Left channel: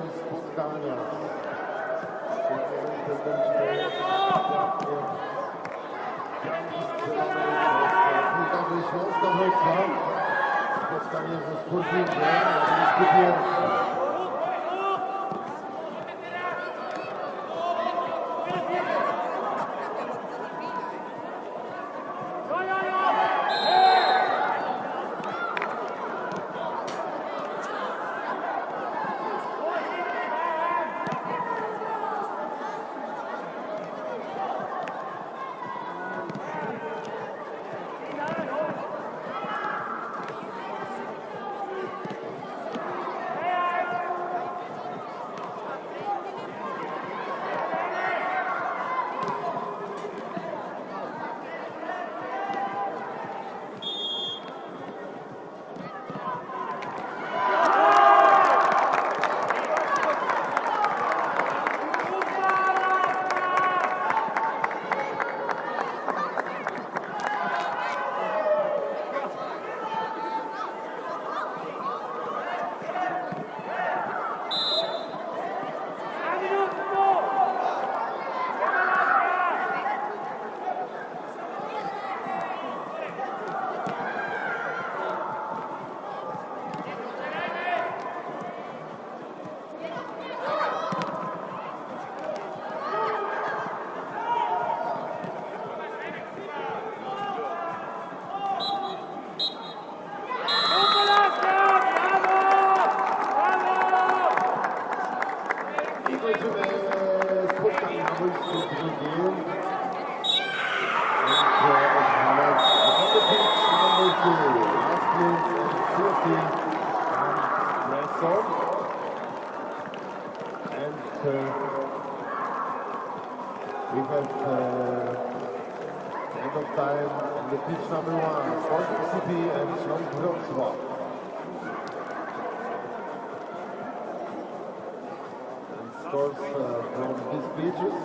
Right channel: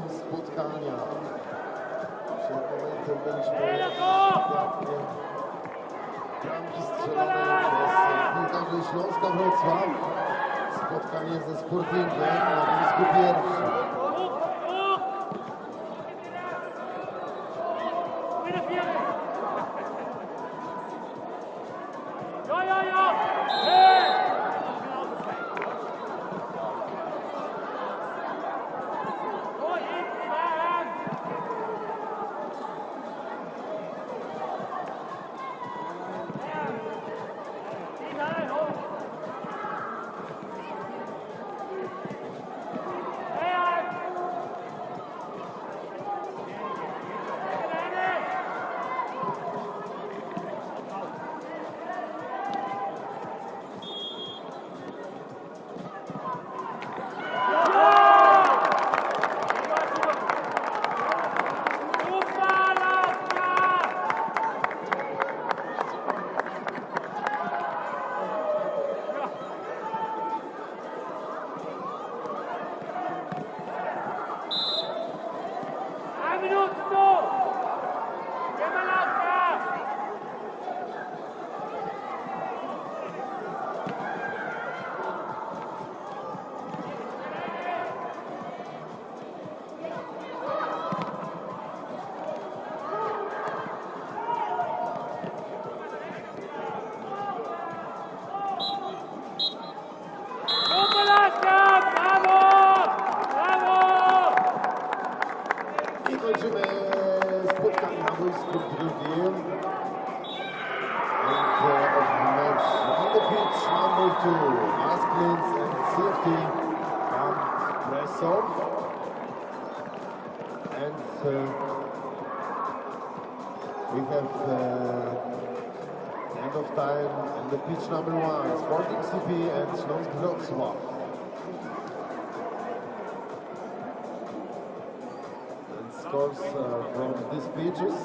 dzisiejszym spotkaniu. Byliśmy bramki strzelane przez piłkarzy Śląska Wrocław. Spotkanie ze Sportingiem na miejscu pierwszym. We have end of time on the pitch number 1, Sporting CP and Śląsk Wrocław. And scores from these pitches.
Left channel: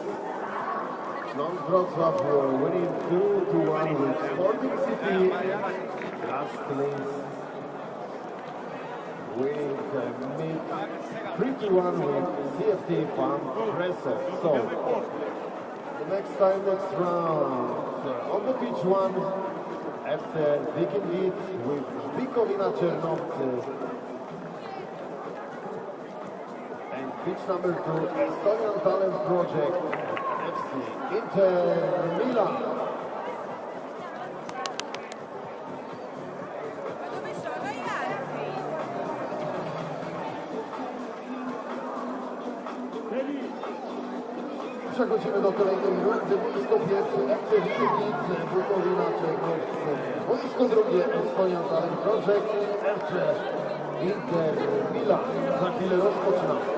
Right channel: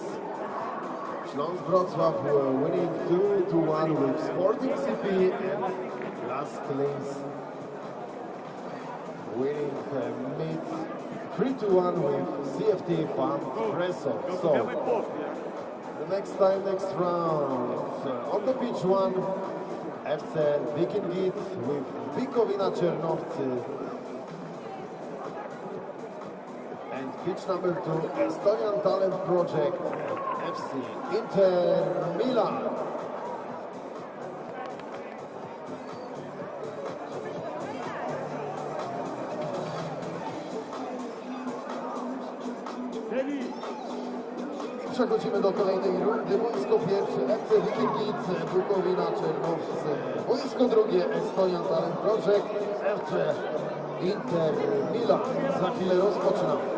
Śląsk Wrocław were winning 2-1 with Sporting CP and Las Klins winning mid 3-1 with CFT Fan Preso. So, next round, on the pitch 1, FC Wikingit with Bukowina Czernowcy. And pitch number 2, Estonian Talent Project, FC Inter Milan. Przechodzimy do kolejnej rundy. Boisko pierwsze, FC Wikingit, Bukowina Czernowcy. Boisko drugie, Estonian Talent Project, FC Inter Milan. Za chwilę rozpoczynamy.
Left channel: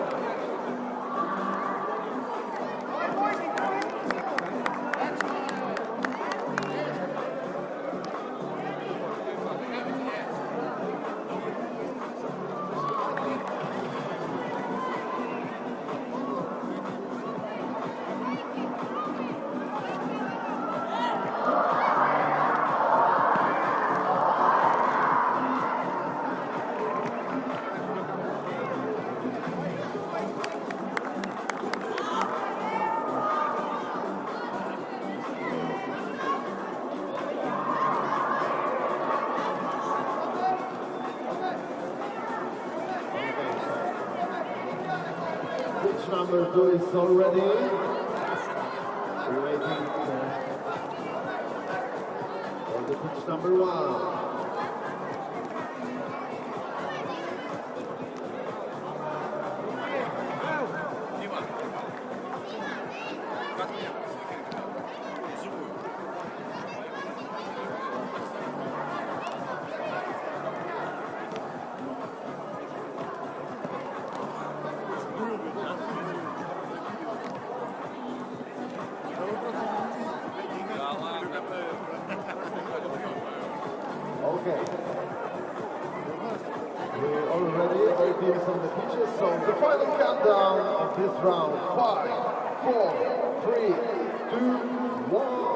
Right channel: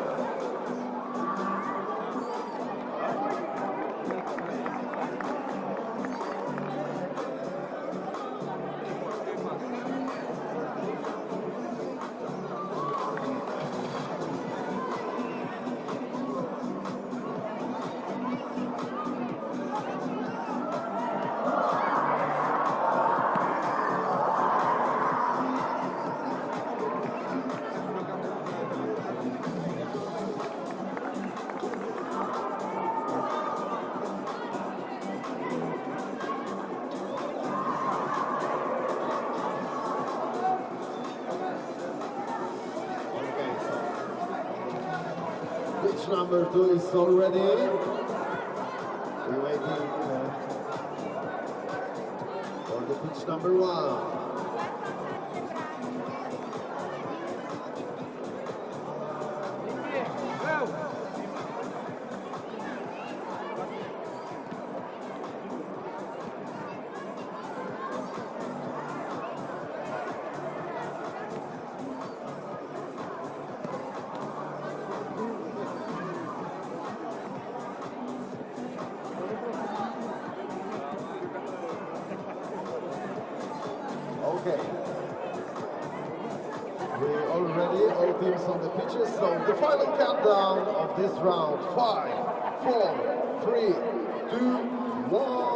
Pitch number 2 is already waiting for the pitch number 1. Okay. We're all ready, all teams on the pitches, so the final countdown of this round. 5, 4, 3, 2, 1.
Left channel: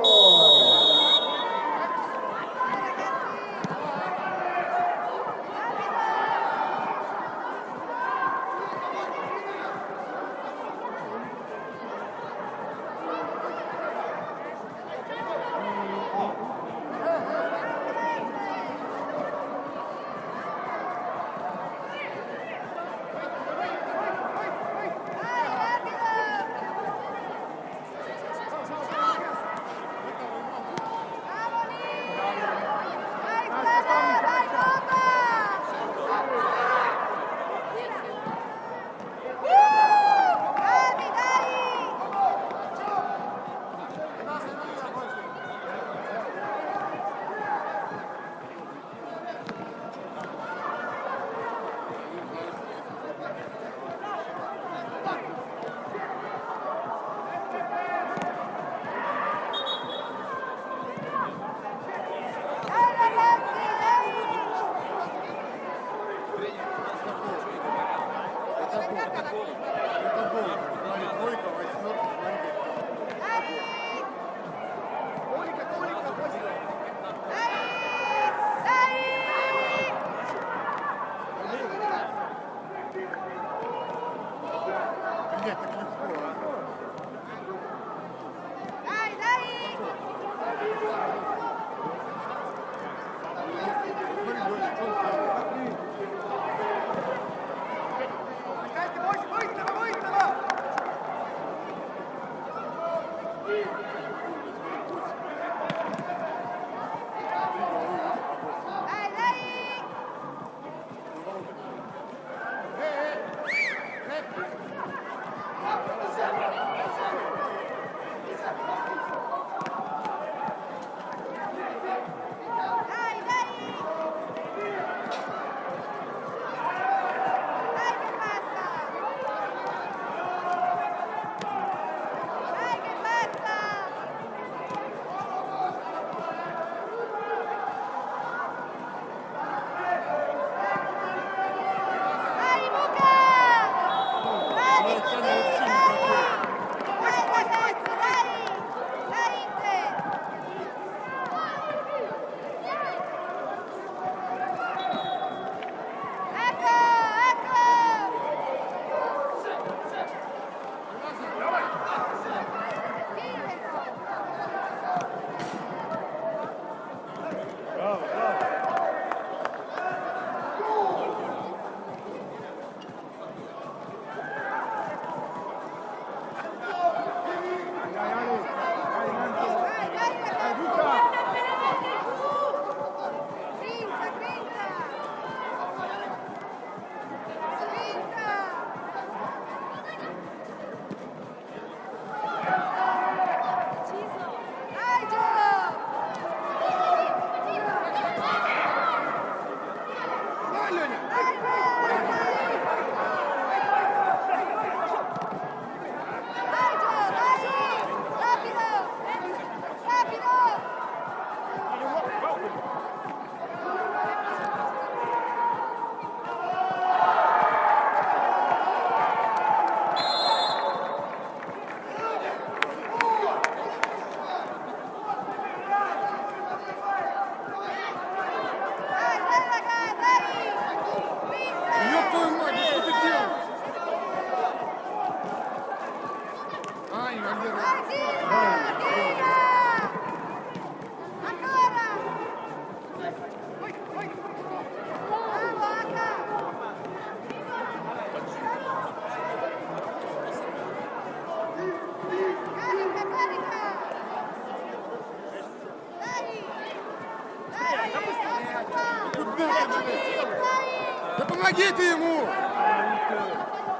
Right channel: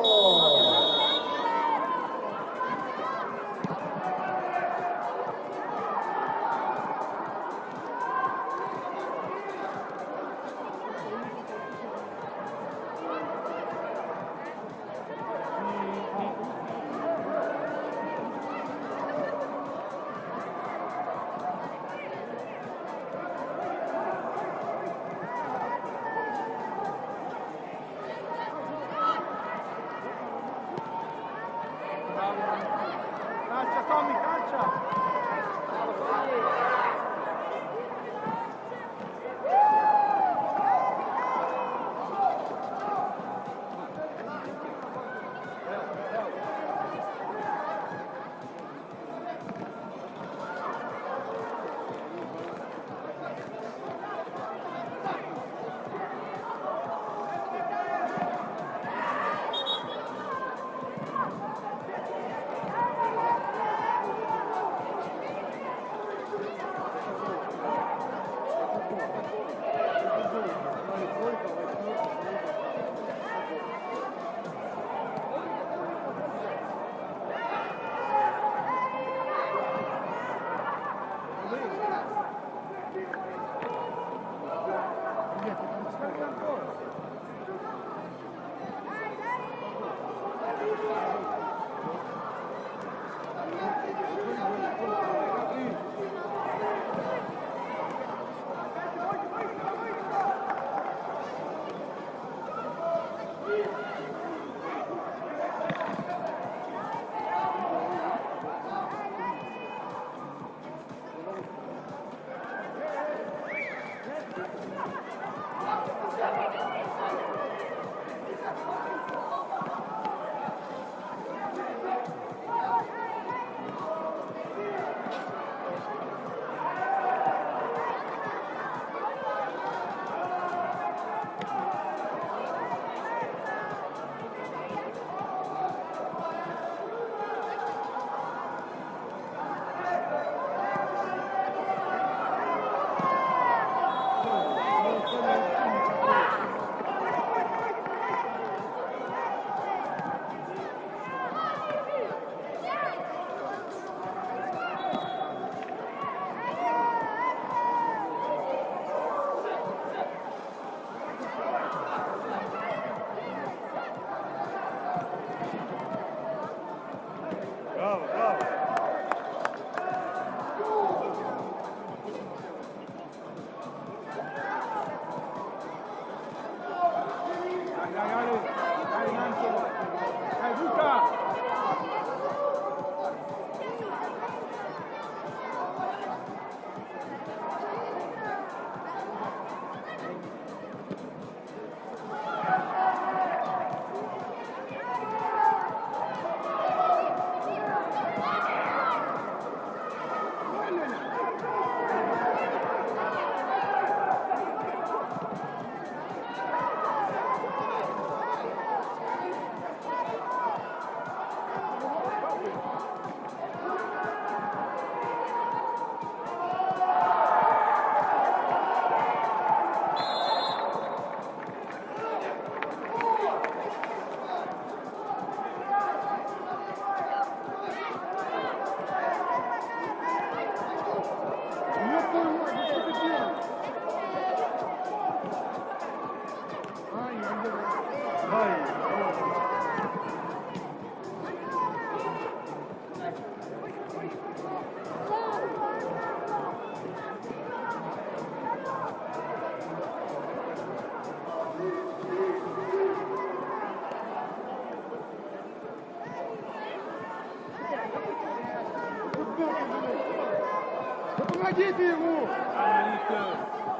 Да помогите ему!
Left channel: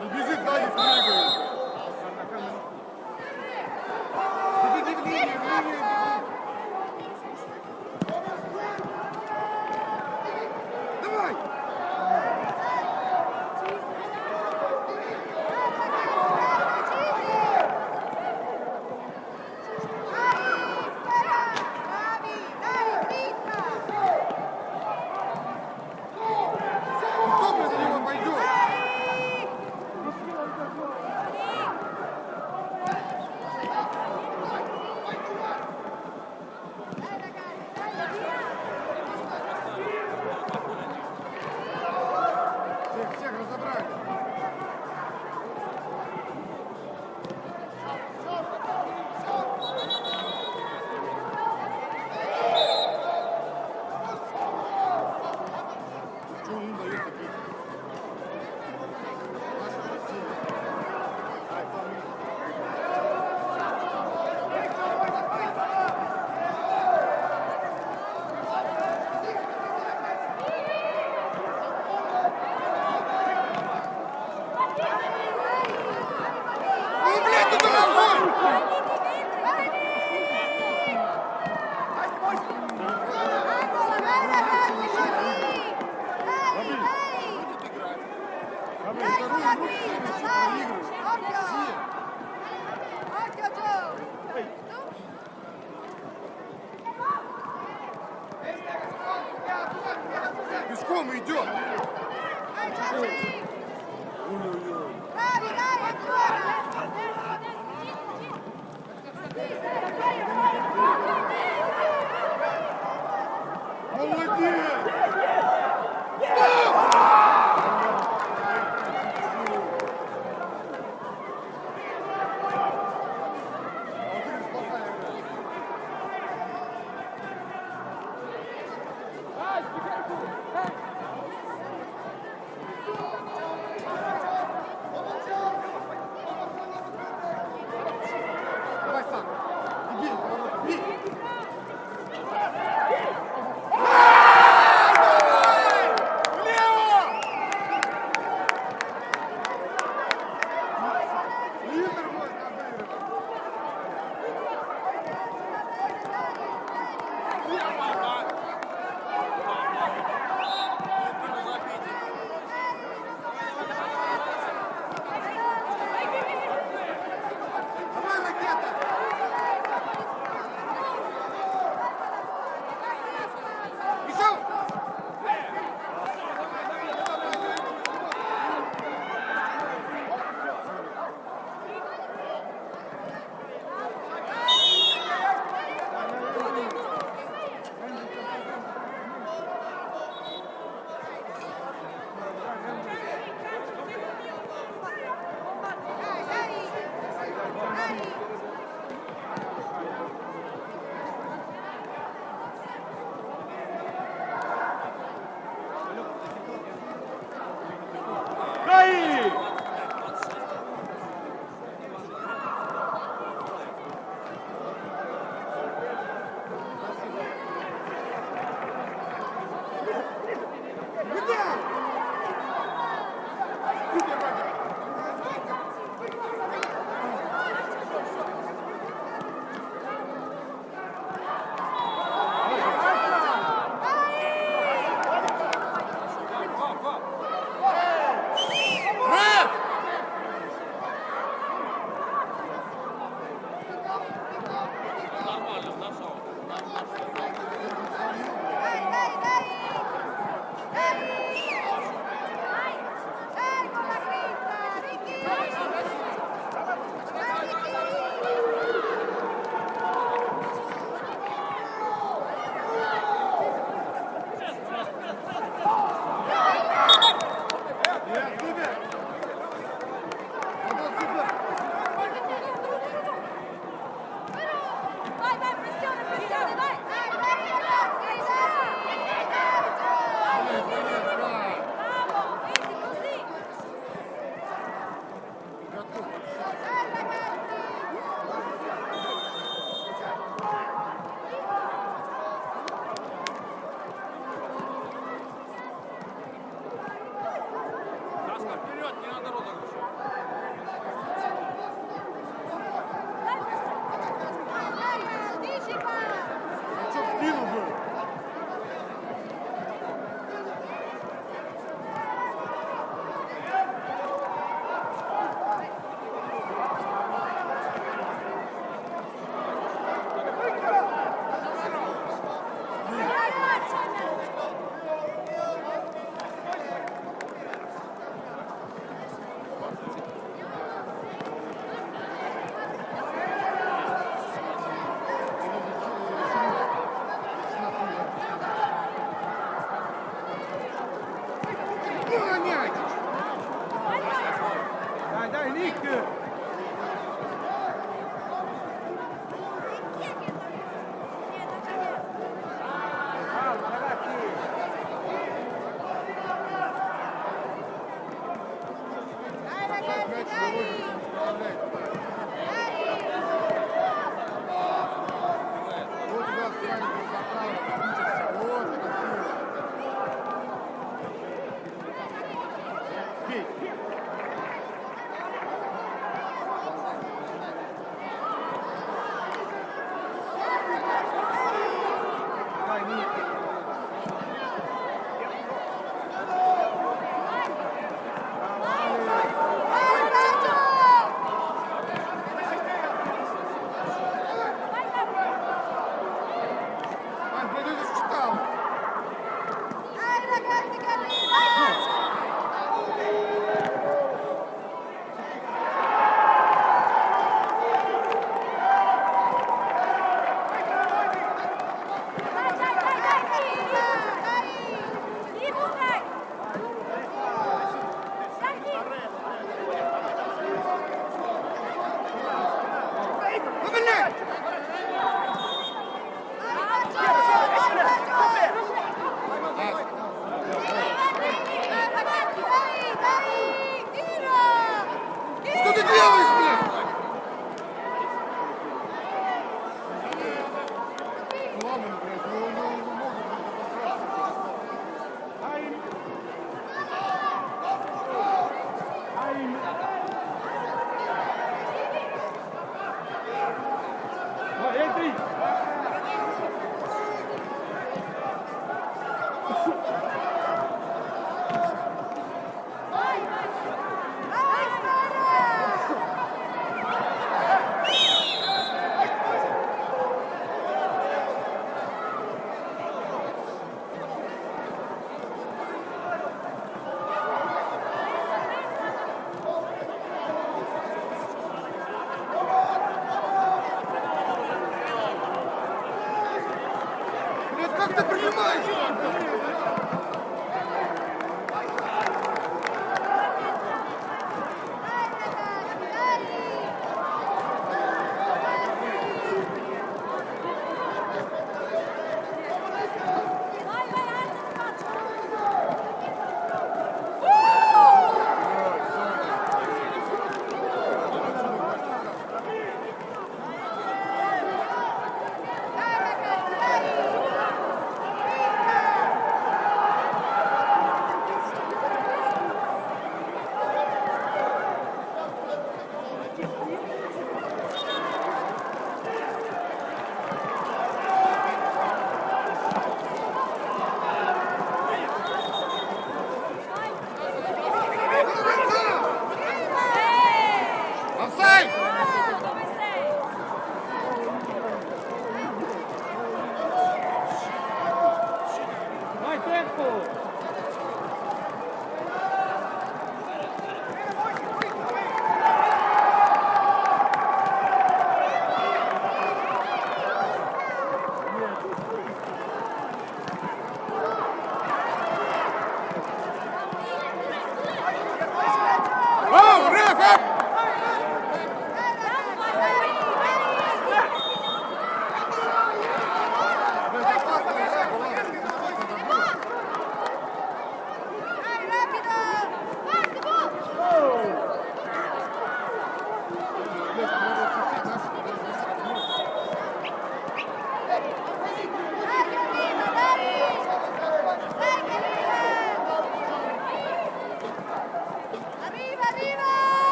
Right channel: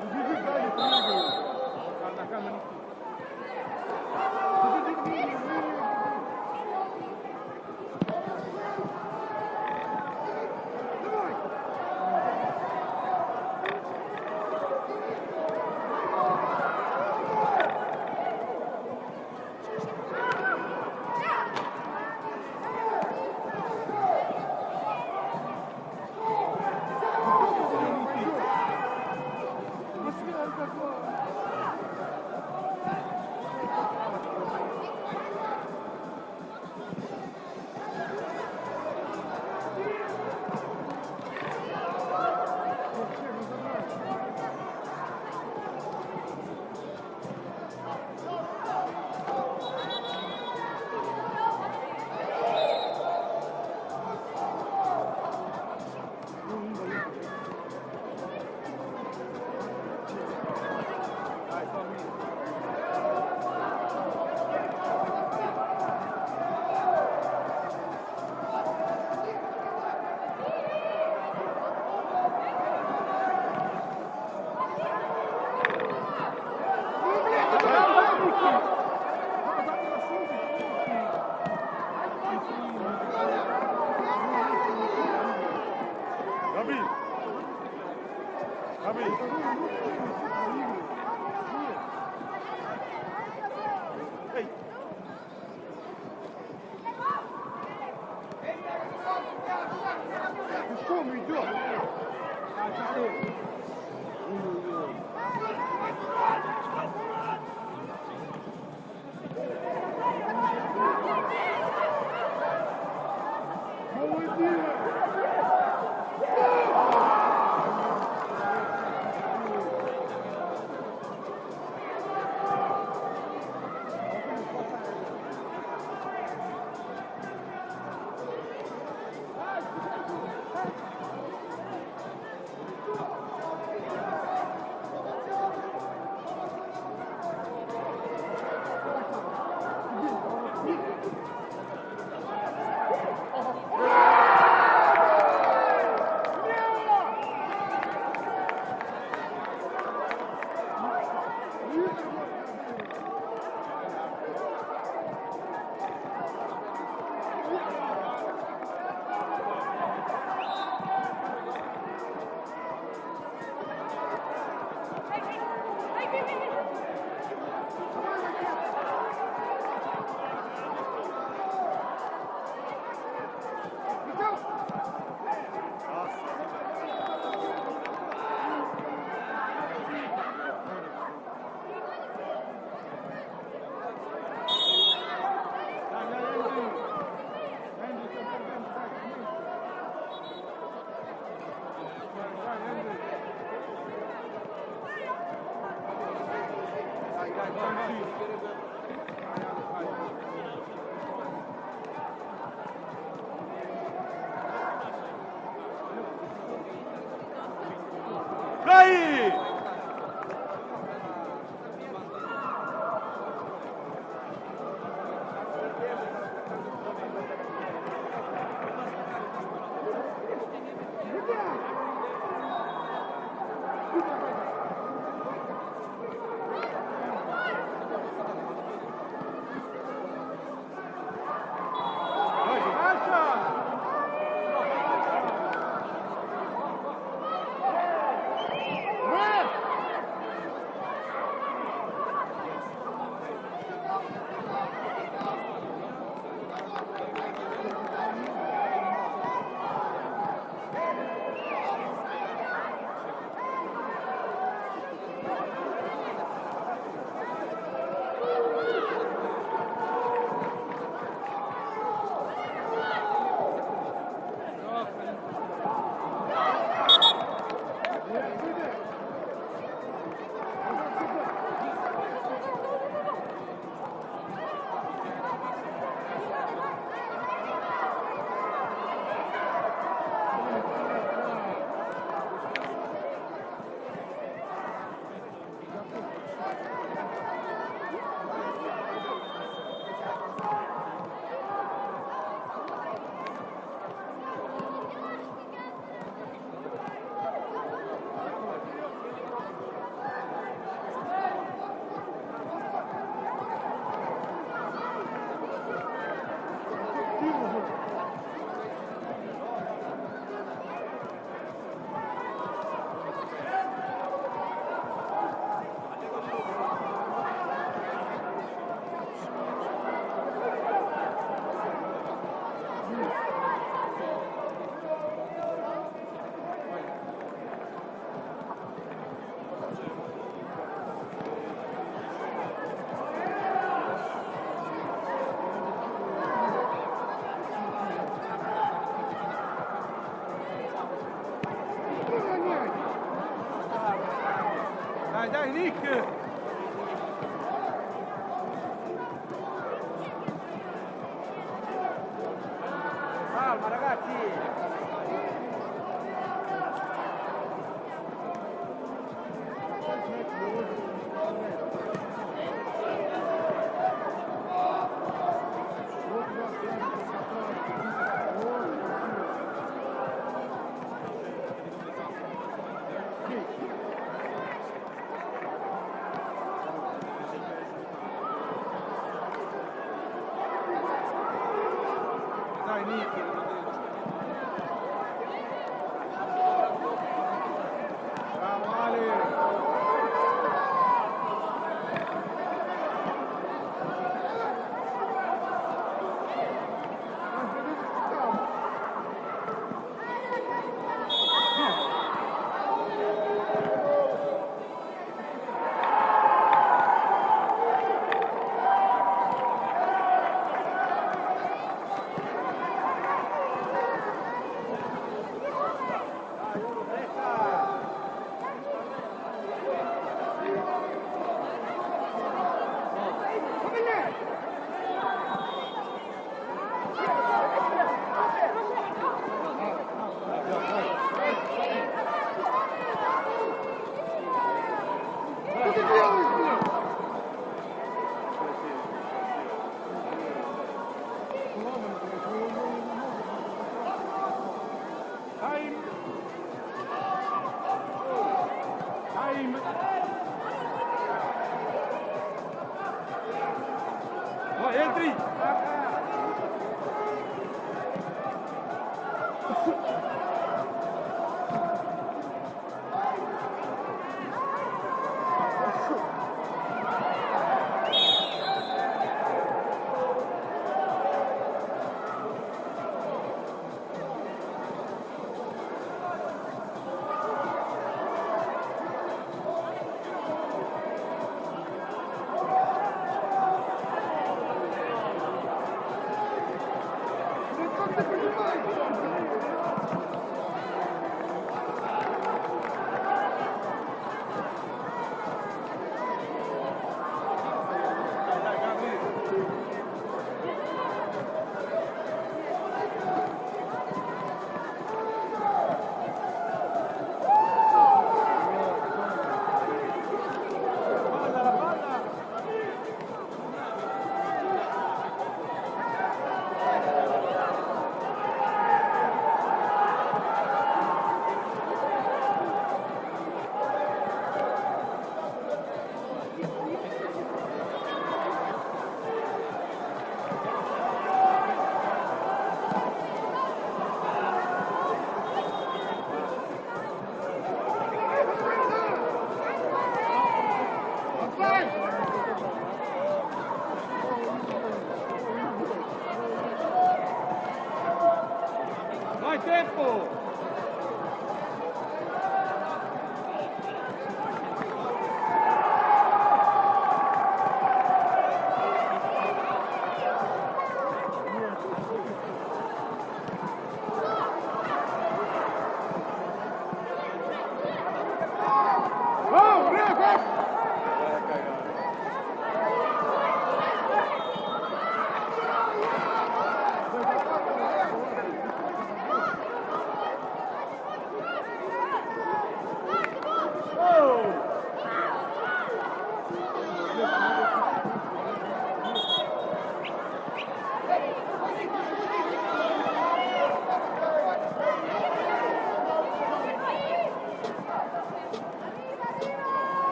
Он бежит сзади с книгой. Бегите к ней, давай! Кто за него пойдет? Vai! Dai, Nick! Calma, ragazzi! Dai, Nick! Что ты делаешь, блядь? Time! Time! No, entri! Vai, vai!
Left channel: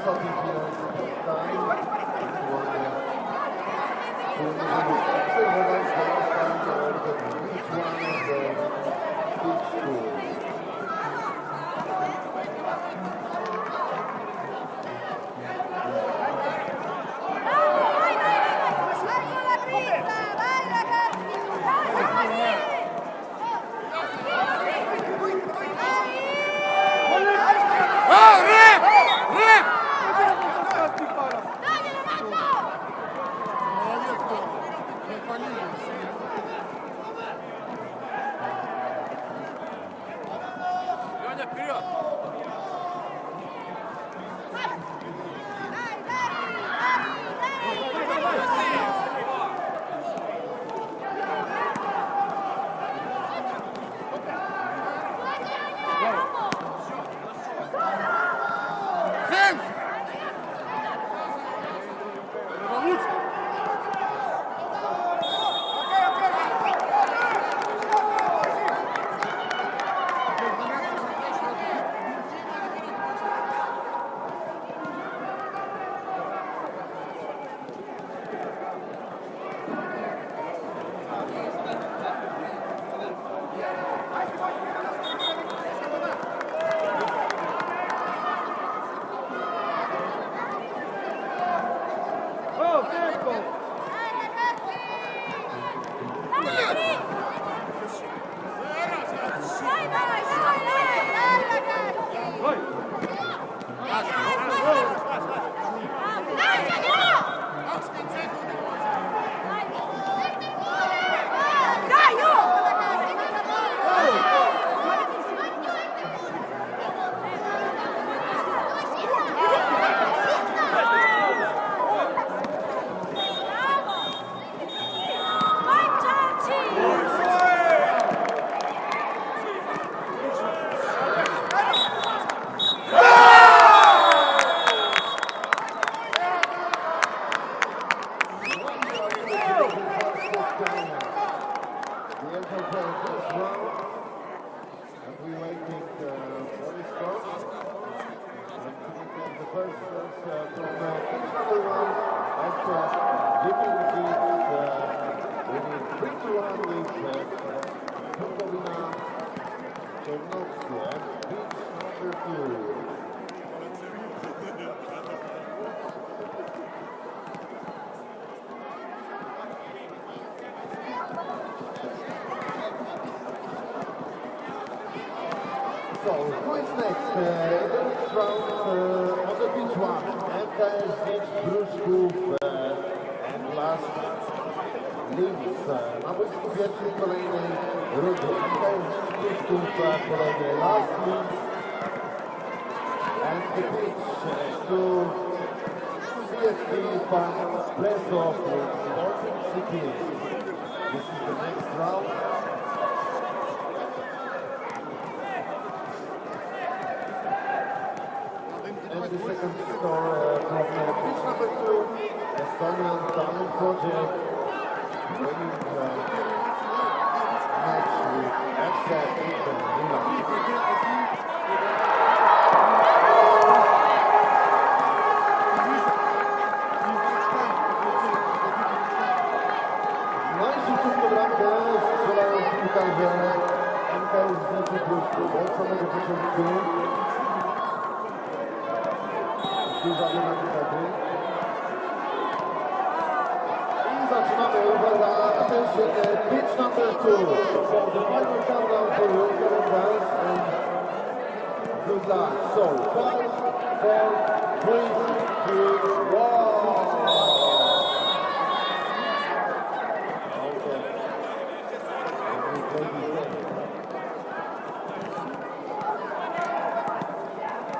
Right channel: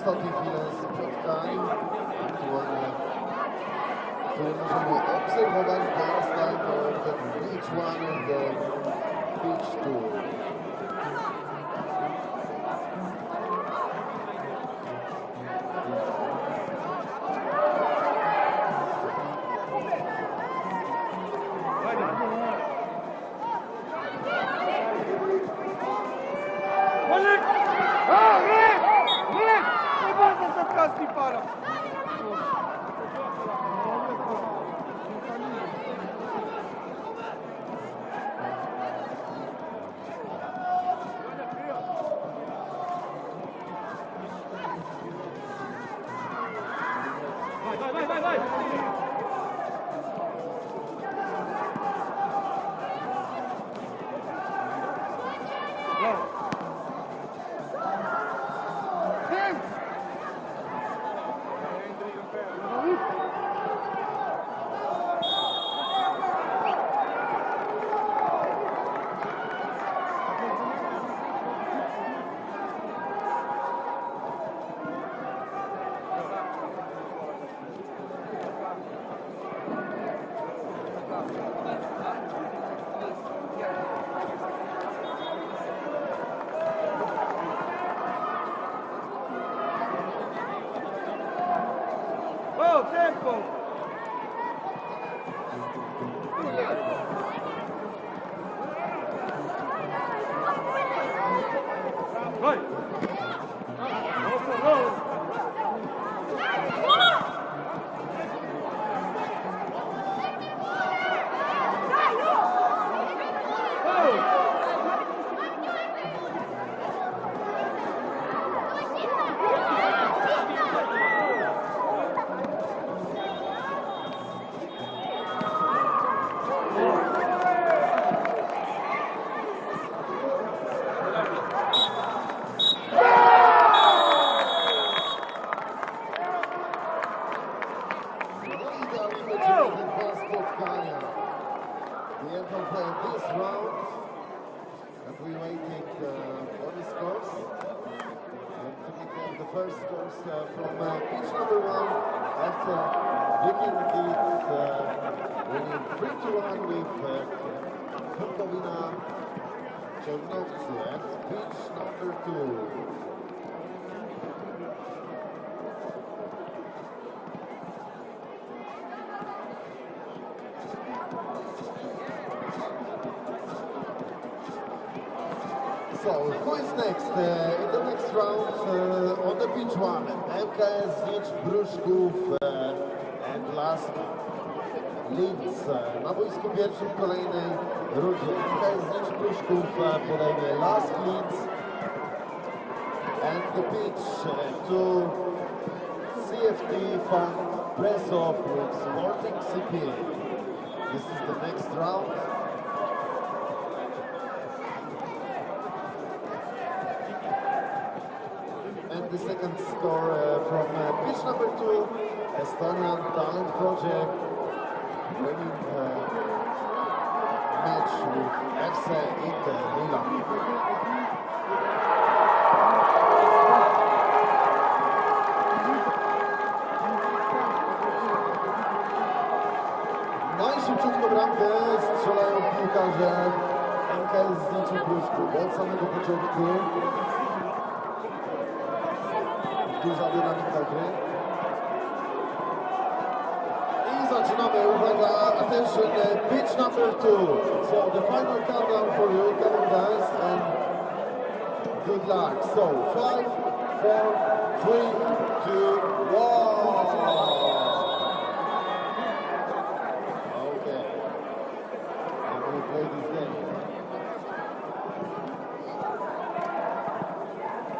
ostatniej chwili spotkania, które możemy obserwować na stanie do Beach One do Beach Two. So, who is next? In the next round, on the Beach One, MKS Znicz Pruszków and last Linz. Na boisku pierwszym kolejnej rundy. MKS Znicz Pruszków, kolejny last Linz. And the pitch to CFT from Pressov with Baltic City. This is the next round. The second score from pitch number 2, Estonian Talent Project, winning match with FC Inter Milan. Najszybciutką bramkę strzelają piłkarze MKS Znicz Pruszków od samego początku. Duża dynamika gry. I zaczynamy, uwaga, attention, pitch number 2. So the final countdown for you, come on guys, and good luck. So, 5, 4, 3, 2, 1.